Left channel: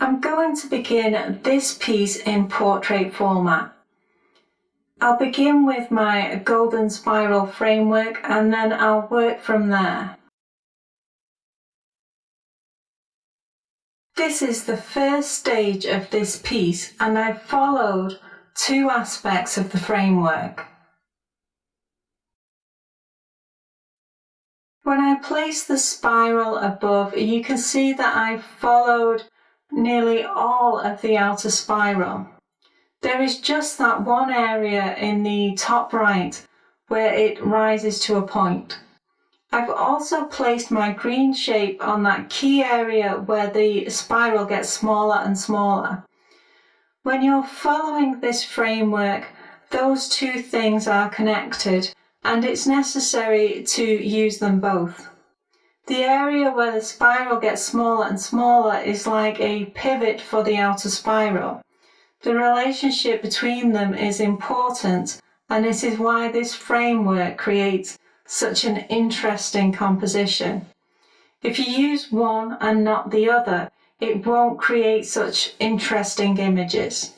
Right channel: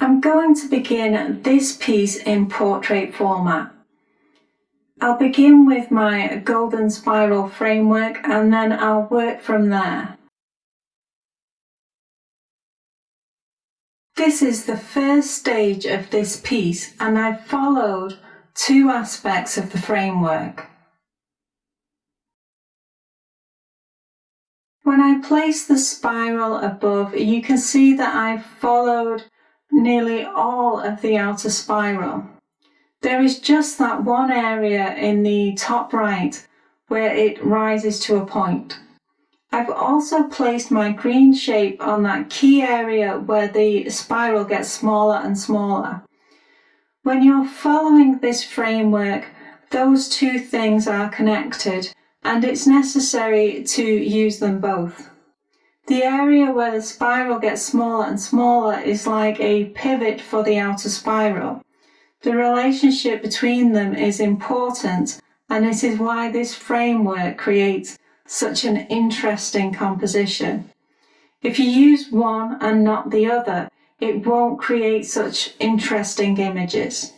I'm going to begin this piece in portrait format. I'll begin with my golden spiral framework and then I'll work from there. This is the first stage of this piece and I've followed two aspects of the framework. When I place the spiral above, you can see that I've followed nearly all of the outer spiral. There is just that one area in the top right where it rises to a point. I've also placed my green shape on that key area where the spiral gets smaller and smaller. When you're following this framework, those two things are connected and it's necessary to use them both. The area where the spiral gets smaller and smaller is like a pivot for the outer spiral. The relationship between them is important, and this is why this framework creates such an interesting composition. If you use one and not the other, it won't create such interesting images.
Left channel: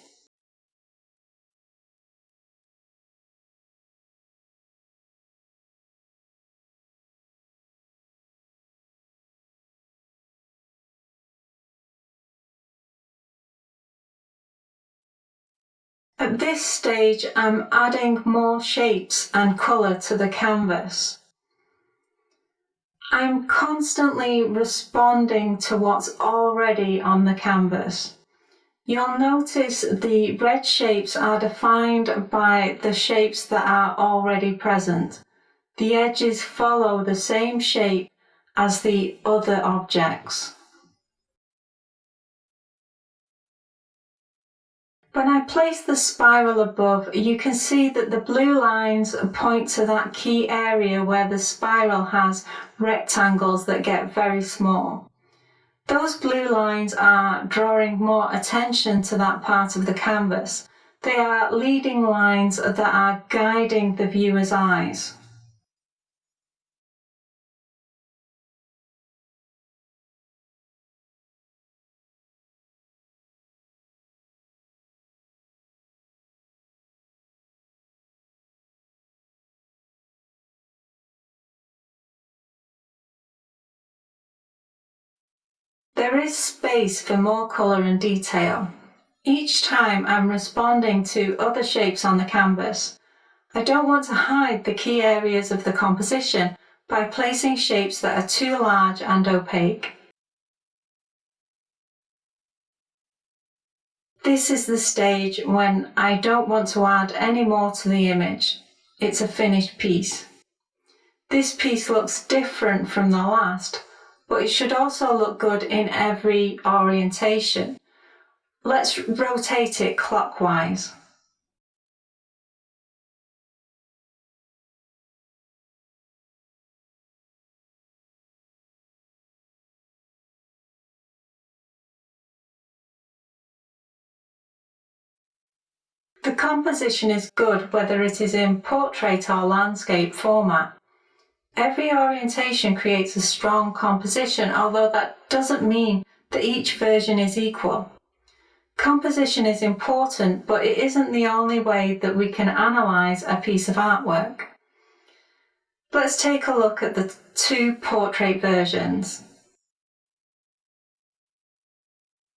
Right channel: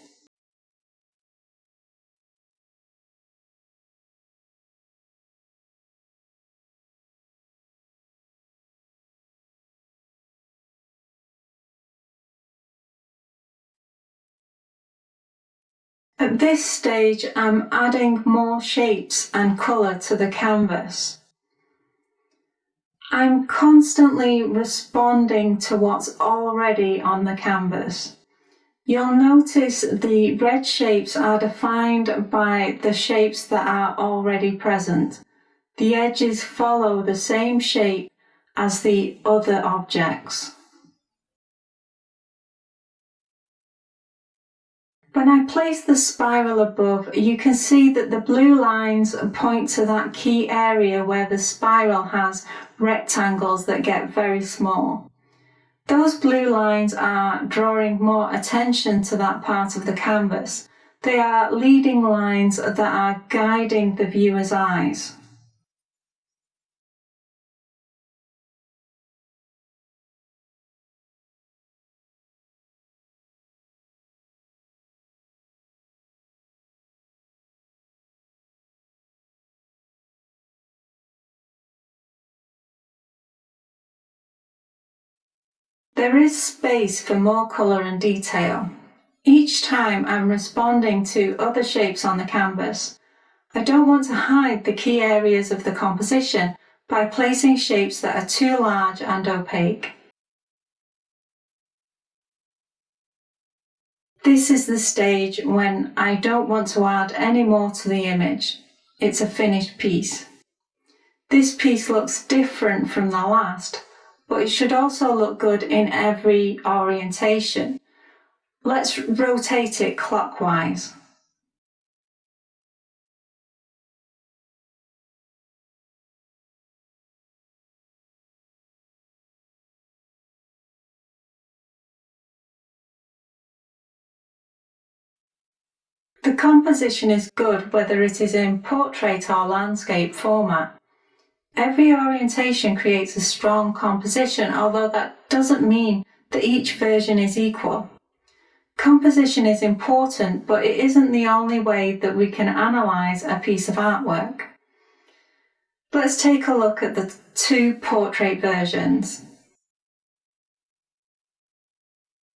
At this stage, I'm adding more shapes and colour to the canvas. I'm constantly responding to what's already on the canvas. You'll notice the red shapes are defined by the shapes that are already present. The edges follow the same shape as the other objects. When I place the spiral above, you can see that the blue lines point to that key area where the spiral has rectangles that get very small. Those blue lines are drawing more attention to that part of the canvas. They are leading lines that are guiding the viewer's eyes. There is space for more colour and detail. Each time I'm responding to other shapes on the canvas. I don't want to hide the key areas of the composition by placing shapes that are too large and opaque. This is the stage when I don't want to add any more to the image. It's a finished piece. This piece looks different from the last, but it should also look good in every orientation. Let's rotate it clockwise. The composition is good whether it is in portrait or landscape format. Every orientation creates a strong composition, although that doesn't mean that each version is equal. Composition is important, but it isn't the only way that we can analyse a piece of artwork. Let's take a look at the two portrait versions.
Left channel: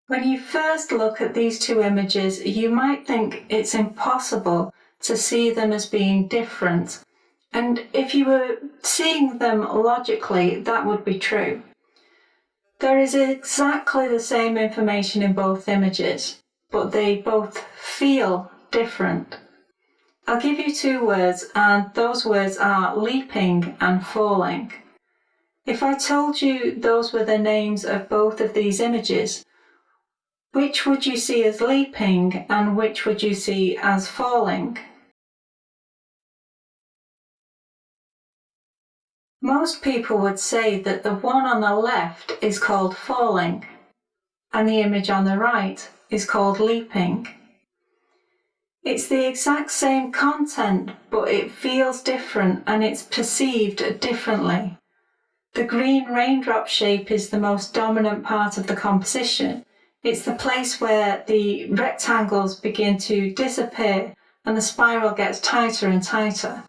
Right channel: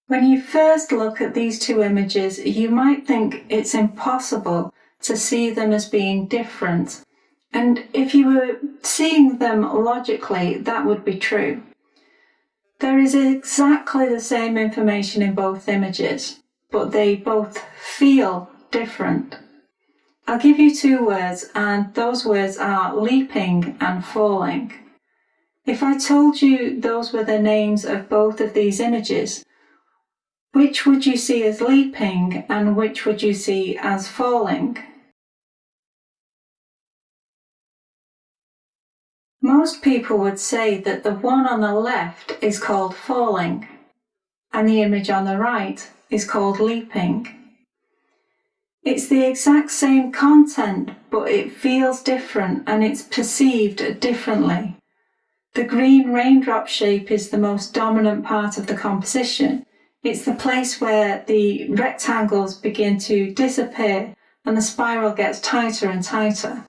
When you first look at these two images, you might think it's impossible to see them as being different. And if you were seeing them logically, that would be true. There is exactly the same information in both images, but they both feel different. I'll give you two words, and those words are leaping and falling. If I told you those were the names of both of these images, which would you see as leaping and which would you see as falling? Most people would say that the one on the left is called falling and the image on the right is called leaping. It's the exact same content, but it feels different and it's perceived differently. The green raindrop shape is the most dominant part of the composition. It's the place where the rectangles begin to disappear and the spiral gets tighter and tighter.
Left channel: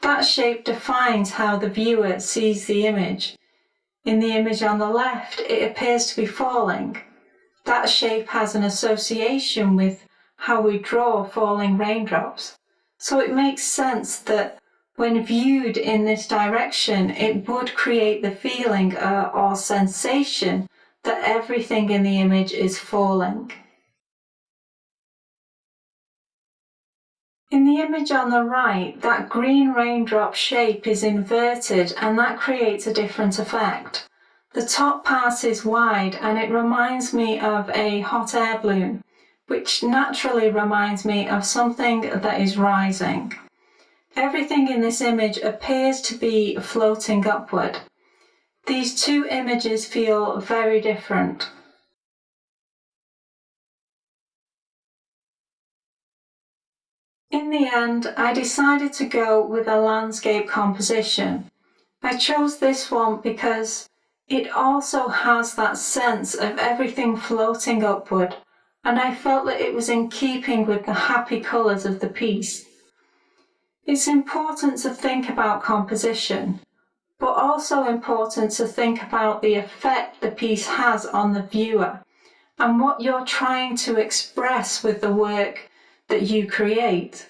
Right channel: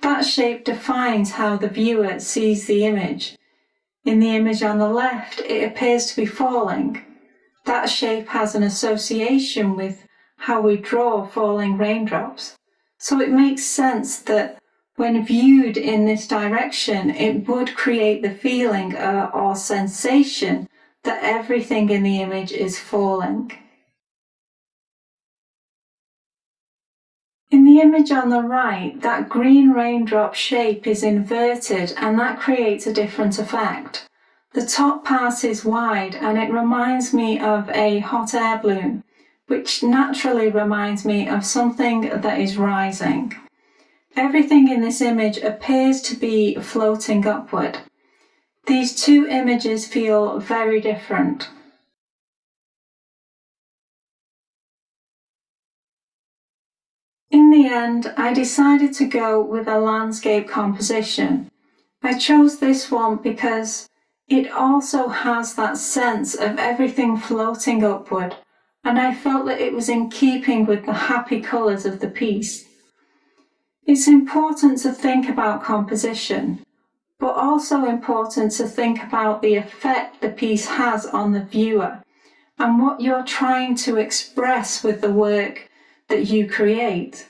That shape defines how the viewer sees the image. In the image on the left, it appears to be falling. That shape has an association with how we draw falling raindrops. So it makes sense that when viewed in this direction, it would create the feeling or sensation that everything in the image is falling. In the image on the right, that green raindrop shape is inverted and that creates a different effect. The top part is wide and it reminds me of a hot air balloon, which naturally reminds me of something that is rising. Everything in this image appears to be floating upward. These two images feel very different. In the end, I decided to go with a landscape composition. I chose this one because it also has that sense of everything floating upward, and I felt that it was in keeping with the happy colours of the piece. It's important to think about composition, but also important to think about the effect the piece has on the viewer and what you're trying to express with the work that you create.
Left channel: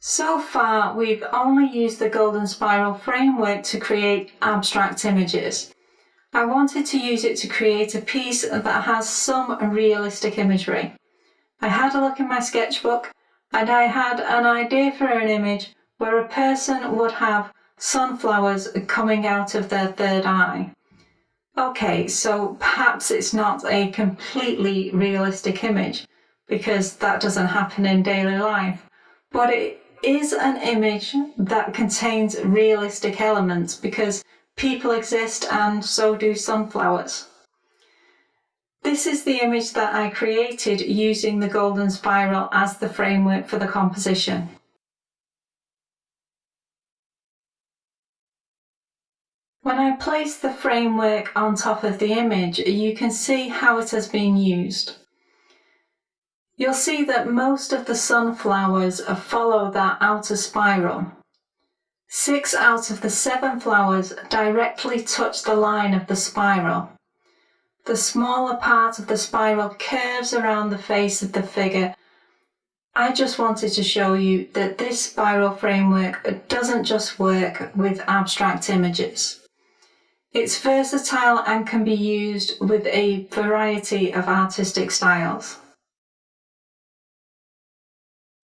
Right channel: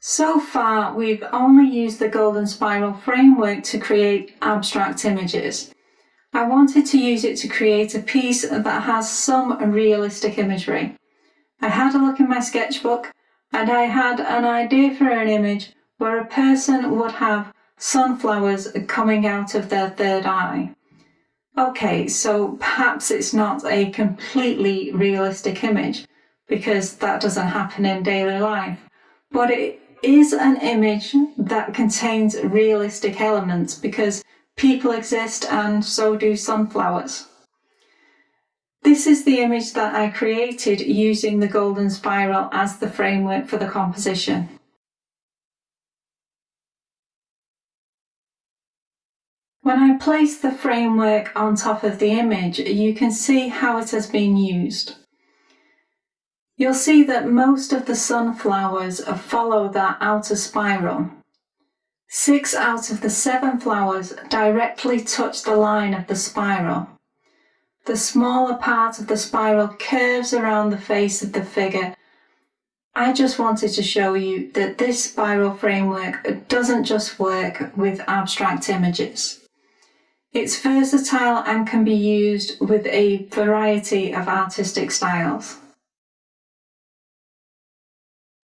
So far, we've only used the golden spiral framework to create abstract images. I wanted to use it to create a piece that has some realistic imagery. I had a look in my sketchbook and I had an idea for an image where a person would have sunflowers coming out of their third eye. Okay, so perhaps it's not a completely realistic image because that doesn't happen in daily life, but it is an image that contains realistic elements because people exist and so do sunflowers. This is the image that I created using the golden spiral as the framework for the composition. When I place the framework on top of the image, you can see how it has been used. You'll see that most of the sunflowers follow that outer spiral. 6 out of the 7 flowers directly touch the line of the spiral. The smaller part of the spiral curves around the face of the figure. I just wanted to show you that this spiral framework doesn't just work with abstract images. It's versatile and can be used with a variety of artistic styles.